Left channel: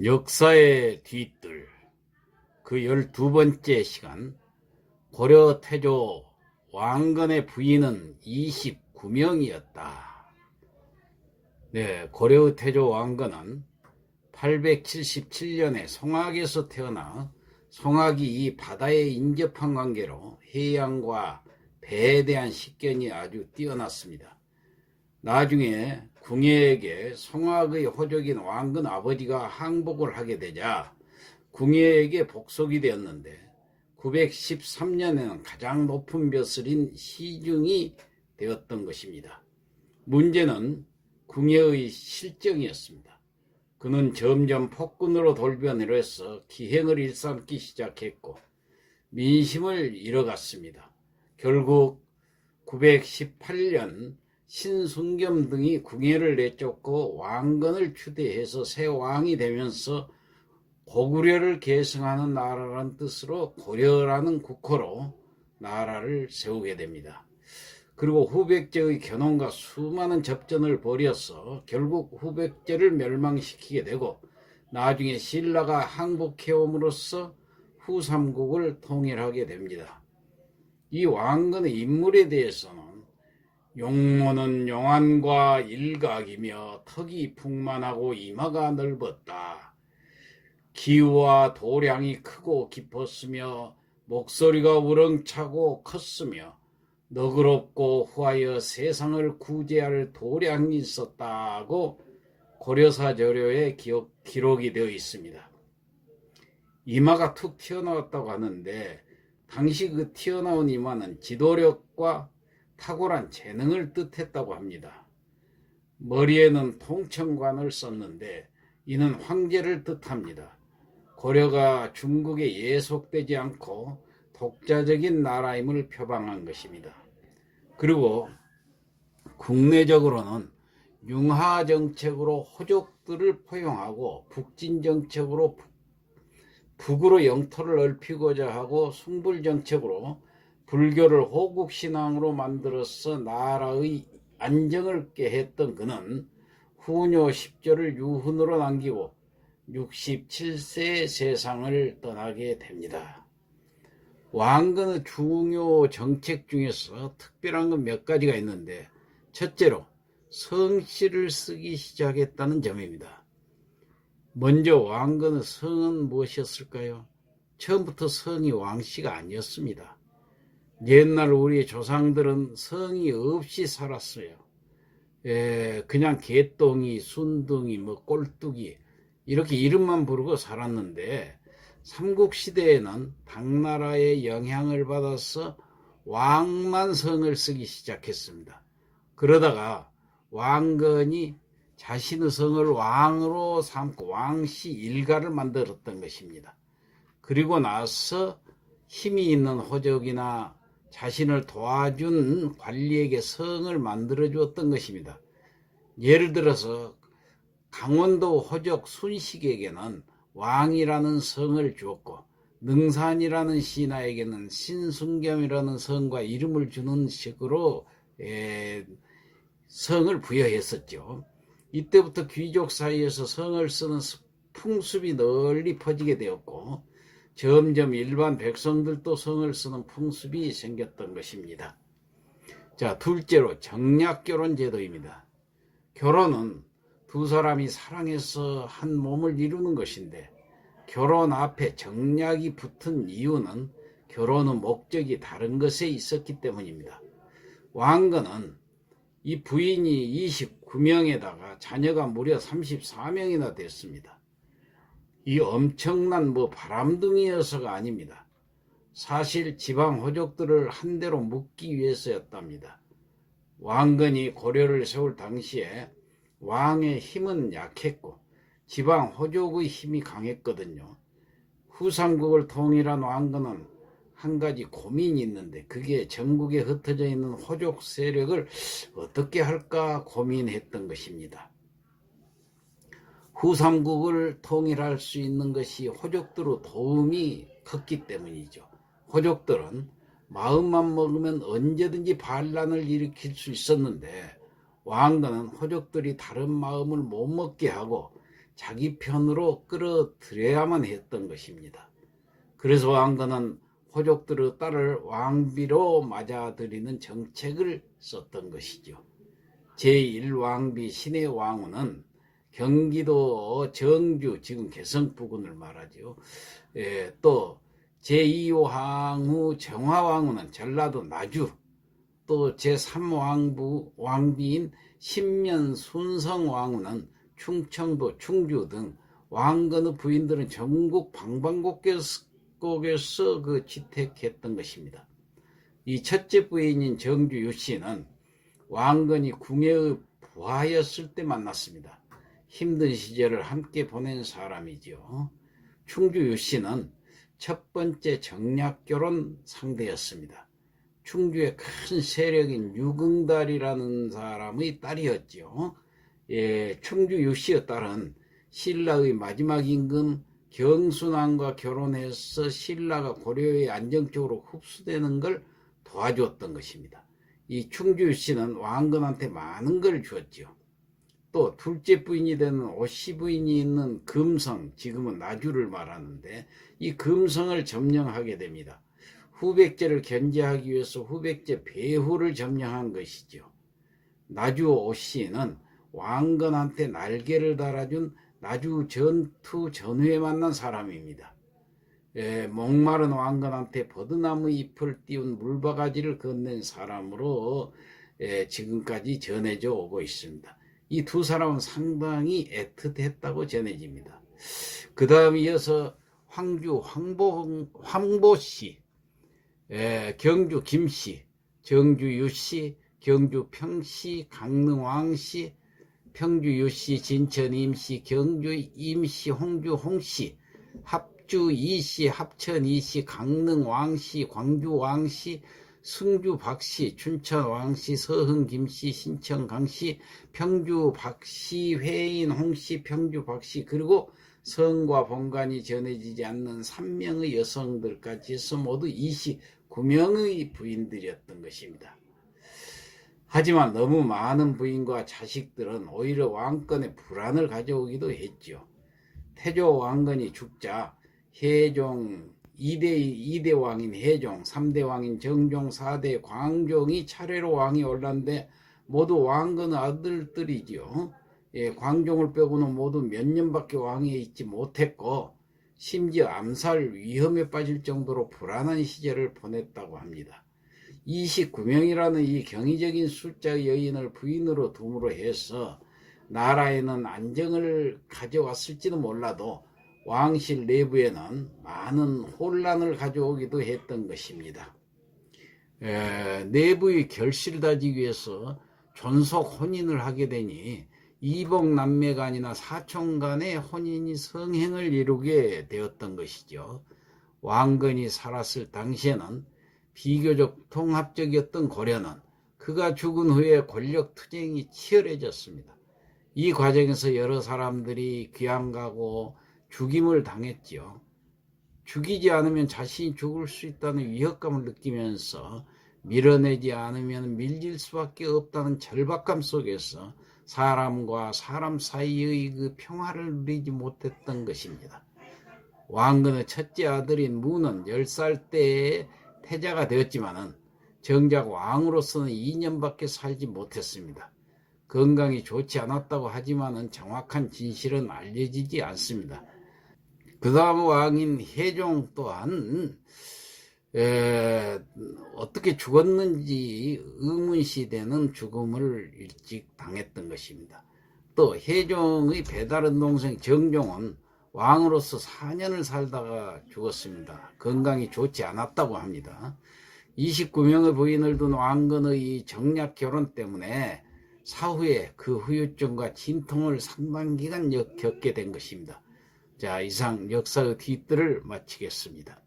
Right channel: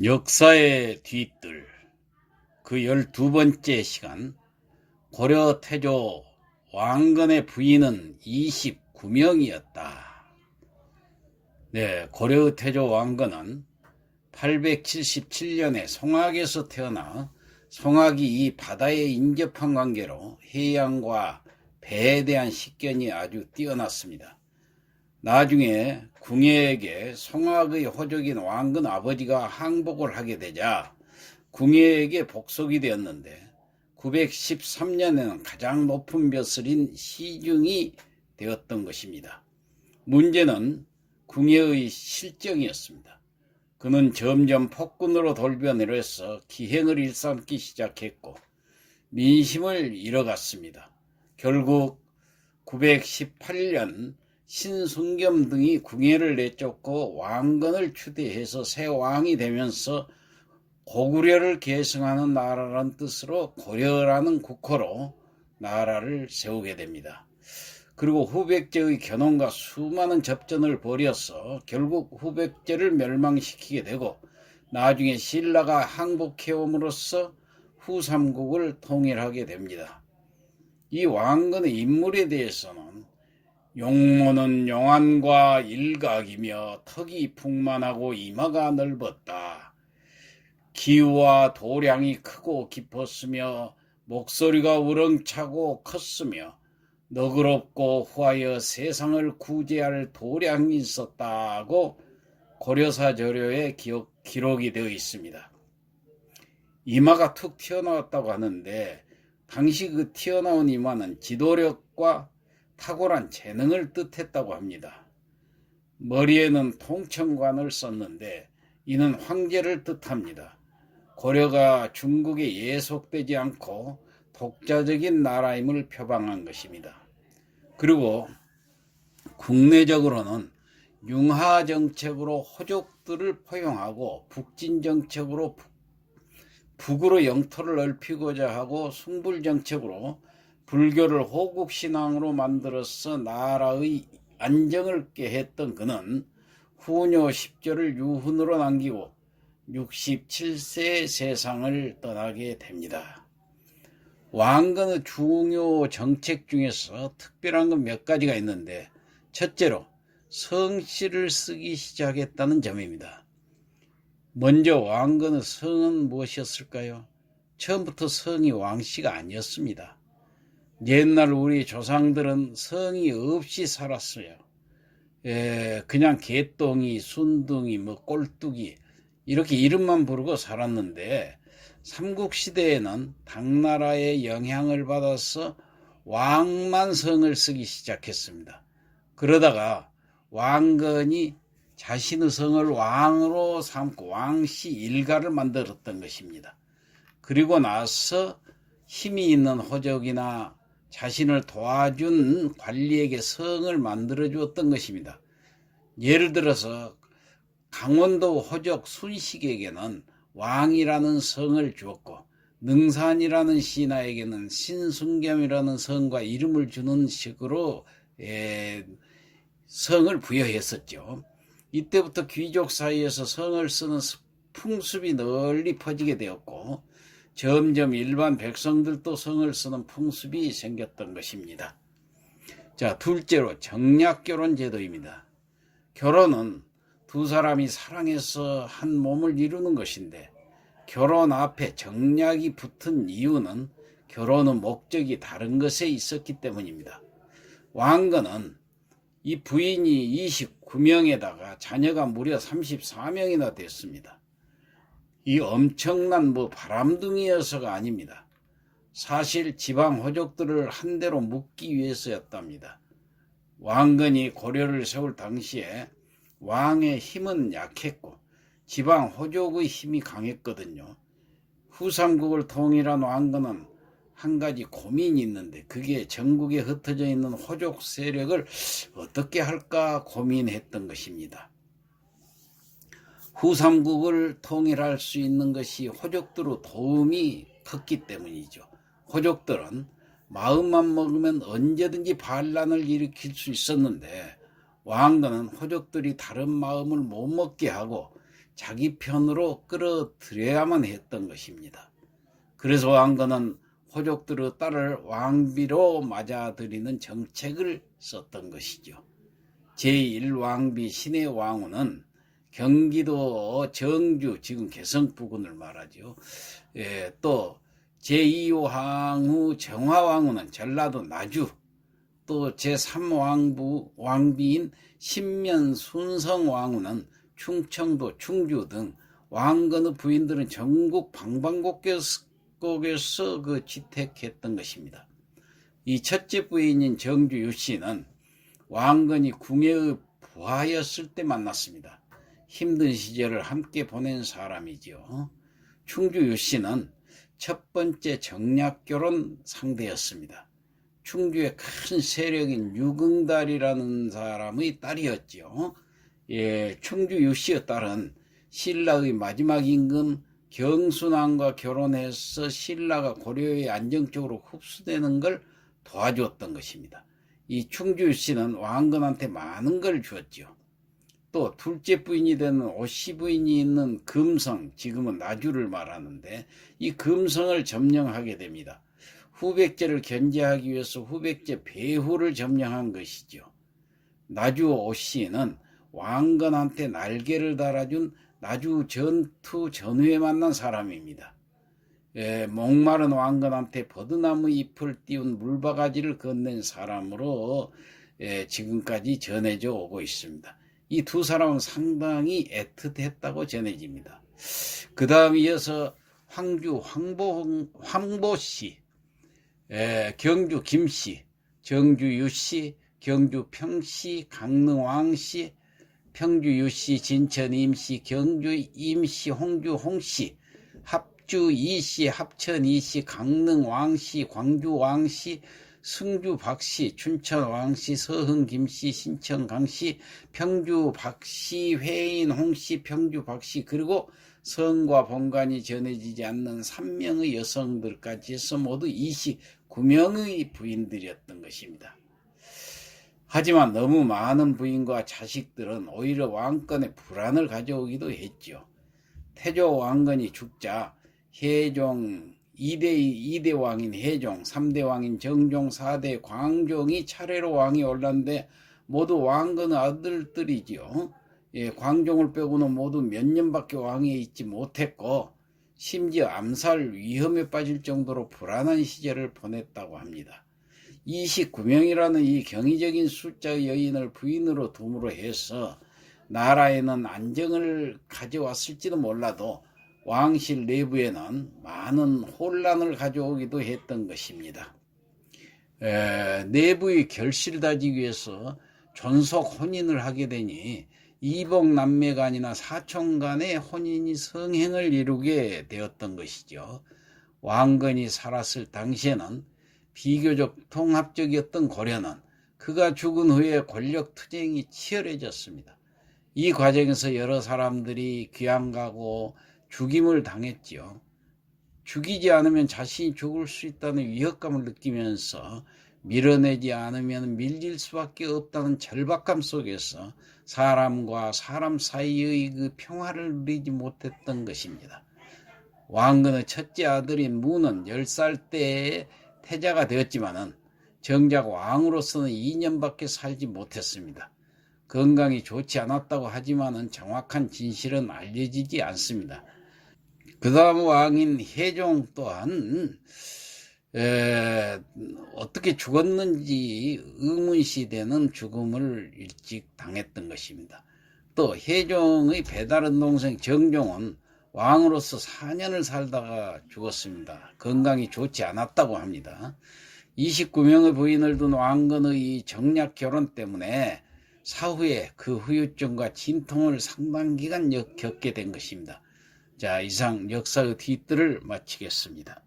역사의 뒤뜰 그 12번째 시간. 고려 태조 왕건의 부인은 29명이었다. 네, 고려 태조 왕건은 877년에 송악에서 태어나 송악이 이 바다에 인접한 관계로 해양과 배에 대한 식견이 아주 뛰어났습니다. 나중에 궁예에게 송악의 호족인 왕건 아버지가 항복을 하게 되자 궁예에게 복속이 되었는데 913년에는 가장 높은 벼슬인 시중이 되었던 것입니다. 문제는 궁예의 실정이었습니다. 그는 점점 폭군으로 돌변해서 기행을 일삼기 시작했고 민심을 잃어갔습니다. 결국 918년 신순겸 등이 궁예를 내쫓고 왕건을 추대해서 새 왕이 되면서 고구려를 계승하는 나라라는 뜻으로 고려라는 국호로 나라를 세우게 됩니다. 그리고 후백제의 견훤과 수많은 접전을 벌여서 결국 후백제를 멸망시키게 되고 나중에 신라가 항복해옴으로써 후삼국을 통일하게 됩니다. 이 왕건의 인물에 대해서는 용모는 용안과 일각이며 턱이 풍만하고 이마가 넓었다. 기우와 도량이 크고 깊었으며 목소리가 우렁차고 컸으며 너그럽고 후하여 세상을 구제할 도량이 있었다고 고려사 저료에 기록이 되어 있습니다. 이마가 툭 튀어나왔다고 하는데 당시 그 튀어나온 이마는 지도력과 탁월한 재능을 뜻했다고 합니다. 머리에는 통청관을 썼는데 이는 황제를 뜻합니다. 고려가 중국에 예속되지 않고 독자적인 나라임을 표방한 것입니다. 그리고 국내적으로는 융하 정책으로 호족들을 포용하고 북진 정책으로 북으로 영토를 넓히고자 하고 숭불 정책으로 불교를 호국신앙으로 만들어서 나라의 안정을 깨했던 그는 후뇨 10조를 유훈으로 남기고 67세에 세상을 떠나게 됩니다. 왕건의 중요 정책 중에서 특별한 건 몇 가지가 있는데 첫째로 성씨를 쓰기 시작했다는 점입니다. 먼저 왕건의 성은 무엇이었을까요? 처음부터 성이 왕씨가 아니었습니다. 옛날 우리 조상들은 성이 없이 살았어요. 그냥 개똥이, 순둥이, 꼴뚜기 이렇게 이름만 부르고 살았는데 삼국시대에는 당나라의 영향을 받아서 왕만 성을 쓰기 시작했습니다. 그러다가 왕건이 자신의 성을 왕으로 삼고 왕씨 일가를 만들었던 것입니다. 그리고 나서 힘이 있는 호족이나 자신을 도와준 관리에게 성을 만들어 주었던 것입니다. 예를 들어서 강원도 호족 순식에게는 왕이라는 성을 주었고 능산이라는 신하에게는 신순겸이라는 성과 이름을 주는 식으로 성을 부여했었죠. 이때부터 귀족 사이에서 성을 쓰는 풍습이 널리 퍼지게 되었고 점점 일반 백성들도 성을 쓰는 풍습이 생겼던 것입니다. 자, 둘째로 정략결혼 제도입니다. 결혼은 두 사람이 사랑해서 한 몸을 이루는 것인데 결혼 앞에 정략이 붙은 이유는 결혼의 목적이 다른 것에 있었기 때문입니다. 왕건은 이 부인이 29명에다가 자녀가 무려 34명이나 됐습니다. 이 엄청난 바람둥이여서가 아닙니다. 사실 지방 호족들을 한 대로 묶기 위해서였답니다. 왕건이 고려를 세울 당시에 왕의 힘은 약했고 지방 호족의 힘이 강했거든요. 후삼국을 통일한 왕건은 한 가지 고민이 있는데 그게 전국에 흩어져 있는 호족 세력을 어떻게 할까 고민했던 것입니다. 후삼국을 통일할 수 있는 것이 호족들의 도움이 컸기 때문이죠. 호족들은 마음만 먹으면 언제든지 반란을 일으킬 수 있었는데 왕건은 호족들이 다른 마음을 못 먹게 하고 자기 편으로 끌어들여야만 했던 것입니다. 그래서 왕건은 호족들의 딸을 왕비로 맞아들이는 정책을 썼던 것이죠. 제1왕비 신의 왕후는 경기도 정주, 지금 개성 부근을 말하죠. 또 제2왕후 정화왕후는 전라도 나주, 또 제3왕비인 신면 순성왕후는 충청도 충주 등 왕건의 부인들은 전국 방방곡곡에서 취택했던 것입니다. 이 첫째 부인인 정주 유씨는 왕건이 궁예의 부하였을 때 만났습니다. 힘든 시절을 함께 보낸 사람이지요. 충주 유씨는 첫 번째 정략결혼 상대였습니다. 충주의 큰 세력인 유긍달이라는 사람의 딸이었죠. 충주 유씨의 딸은 신라의 마지막 임금 경순왕과 결혼해서 신라가 고려에 안정적으로 흡수되는 걸 도와주었던 것입니다. 이 충주 유씨는 왕건한테 많은 걸 주었죠. 또 둘째 부인이 되는 오씨 부인이 있는 금성, 지금은 나주를 말하는데 이 금성을 점령하게 됩니다. 후백제를 견제하기 위해서 후백제 배후를 점령한 것이죠. 나주 오씨는 왕건한테 날개를 달아준 나주 전투 전후에 만난 사람입니다. 목마른 왕건한테 버드나무 잎을 띄운 물바가지를 건넨 사람으로 지금까지 전해져 오고 있습니다. 이 두 사람은 상당히 애틋했다고 전해집니다. 그 다음 이어서 황주 황보씨, 경주 김씨, 정주 유씨, 경주 평씨, 강릉 왕씨, 평주 유씨, 진천 임씨, 경주 임씨, 홍주 홍씨, 합주 이씨, 합천 이씨, 강릉 왕씨, 광주 왕씨, 승주 박씨, 춘천 왕씨, 서흥 김씨, 신천 강씨, 평주 박씨, 회인 홍씨, 평주 박씨, 그리고 성과 본관이 전해지지 않는 3명의 여성들까지 해서 모두 29명의 부인들이었던 것입니다. 하지만 너무 많은 부인과 자식들은 오히려 왕권에 불안을 가져오기도 했죠. 태조 왕건이 죽자 혜종 2대 왕인 혜종, 3대 왕인 정종, 4대 광종이 차례로 왕이 올랐는데 모두 왕건의 아들들이지요. 광종을 빼고는 모두 몇 년밖에 왕위에 있지 못했고 심지어 암살 위험에 빠질 정도로 불안한 시절을 보냈다고 합니다. 29명이라는 이 경이적인 숫자의 여인을 부인으로 둠으로 해서 나라에는 안정을 가져왔을지도 몰라도 왕실 내부에는 많은 혼란을 가져오기도 했던 것입니다. 내부의 결실을 다지기 위해서 존속 혼인을 하게 되니 이복 남매 간이나 사촌 간의 혼인이 성행을 이루게 되었던 것이죠. 왕건이 살았을 당시에는 비교적 통합적이었던 고려는 그가 죽은 후에 권력 투쟁이 치열해졌습니다. 이 과정에서 여러 사람들이 귀양가고 죽임을 당했지요. 죽이지 않으면 자신이 죽을 수 있다는 위협감을 느끼면서 밀어내지 않으면 밀릴 수밖에 없다는 절박감 속에서 사람과 사람 사이의 그 평화를 누리지 못했던 것입니다. 왕건의 첫째 아들인 무는 10살 때에 태자가 되었지만은 정작 왕으로서는 2년밖에 살지 못했습니다. 건강이 좋지 않았다고 하지만은 정확한 진실은 알려지지 않습니다. 그 다음 왕인 혜종 또한 어떻게 죽었는지 의문시되는 죽음을 일찍 당했던 것입니다. 또 혜종의 배다른 동생 정종은 왕으로서 4년을 살다가 죽었습니다. 건강이 좋지 않았다고 합니다. 29명의 부인을 둔 왕건의 정략 결혼 때문에 사후에 그 후유증과 진통을 상당 기간 겪게 된 것입니다. 자, 이상 역사의 뒷뜰을 마치겠습니다.